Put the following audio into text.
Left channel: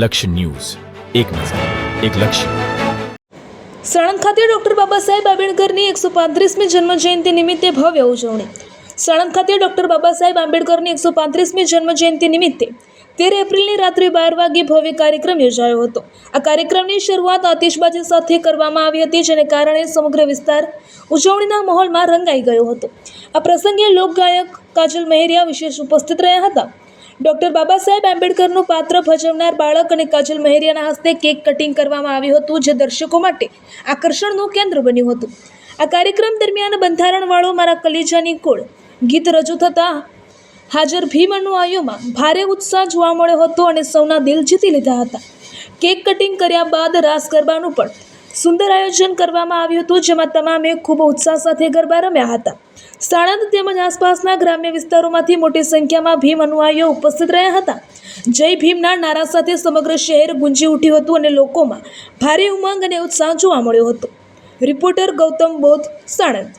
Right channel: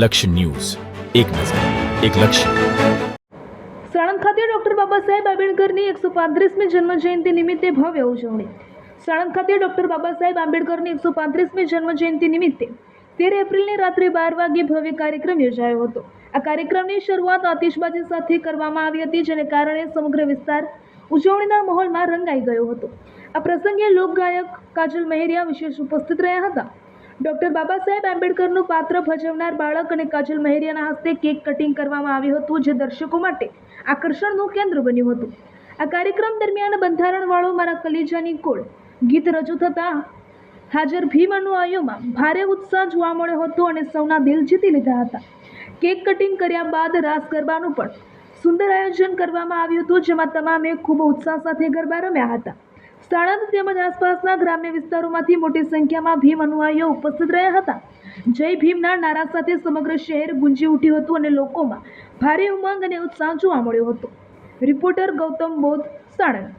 લક્ષ્ય ન્યૂઝ, એક નજર, એક લક્ષ્ય. સાણંદ ખાતે ડોક્ટર બાબા સાહેબ આંબેડકરની 135મી જન્મજયંતિ નિમિત્તે ભવ્ય ઉજવણી. સાણંદ ખાતે ડોક્ટર બાબા સાહેબ આંબેડકરની 135મી જન્મજયંતિ નિમિત્તે 13 એપ્રિલની રાત્રે 12 વાગ્યે ભવ્ય કાર્યક્રમ યોજાયો હતો. આ કાર્યક્રમની શરૂઆત આતિશબાજી સાથે કરવામાં આવી હતી, જેને કારણે સમગ્ર વિસ્તાર ઉજવણીના માહોલમાં રંગાઈ ગયો હતો. આ પ્રસંગે લોકગાયક કાજલ મહેરિયા વિશેષ ઉપસ્થિત રહ્યા હતા. ડોક્ટર બાબા સાહેબ આંબેડકરનું પાત્ર ભજવનાર બાળક અને કાજલ મહેરિયાના હસ્તે કેક કટિંગ કરવામાં આવ્યું હતું, જે દર્શકો માટે આકર્ષણનું કેન્દ્ર બન્યું હતું. આ કાર્યક્રમ દરમિયાન બંધારણવાળો મારા કલીજાની કોળ ગીત રજૂ થતાં હાજર ભીમ અનુયાયીઓમાં ભારે ઉત્સાહ જોવા મળ્યો હતો અને સૌના દિલ જીતી લીધા હતા. કેક કટિંગ કર્યા બાદ રાસ ગરબાનું પણ સુંદર આયોજન કરવામાં આવ્યું હતું, જેમાં તમામે ખૂબ ઉત્સાહ સાથે ગરબા રમ્યા હતા. સાણંદ તેમજ આસપાસના ગ્રામ્ય વિસ્તારોમાંથી મોટી સંખ્યામાં ભીમ અનુયાયીઓ ઉપસ્થિત રહ્યા હતા. જય ભીમના નારા સાથે સમગ્ર શહેર ગુંજી ઉઠ્યું હતું અને લોકોમાં ભારે ઉમંગ અને ઉત્સાહ જોવા મળ્યો હતો. રિપોર્ટર ગૌતમ બોધ, સાણંદ.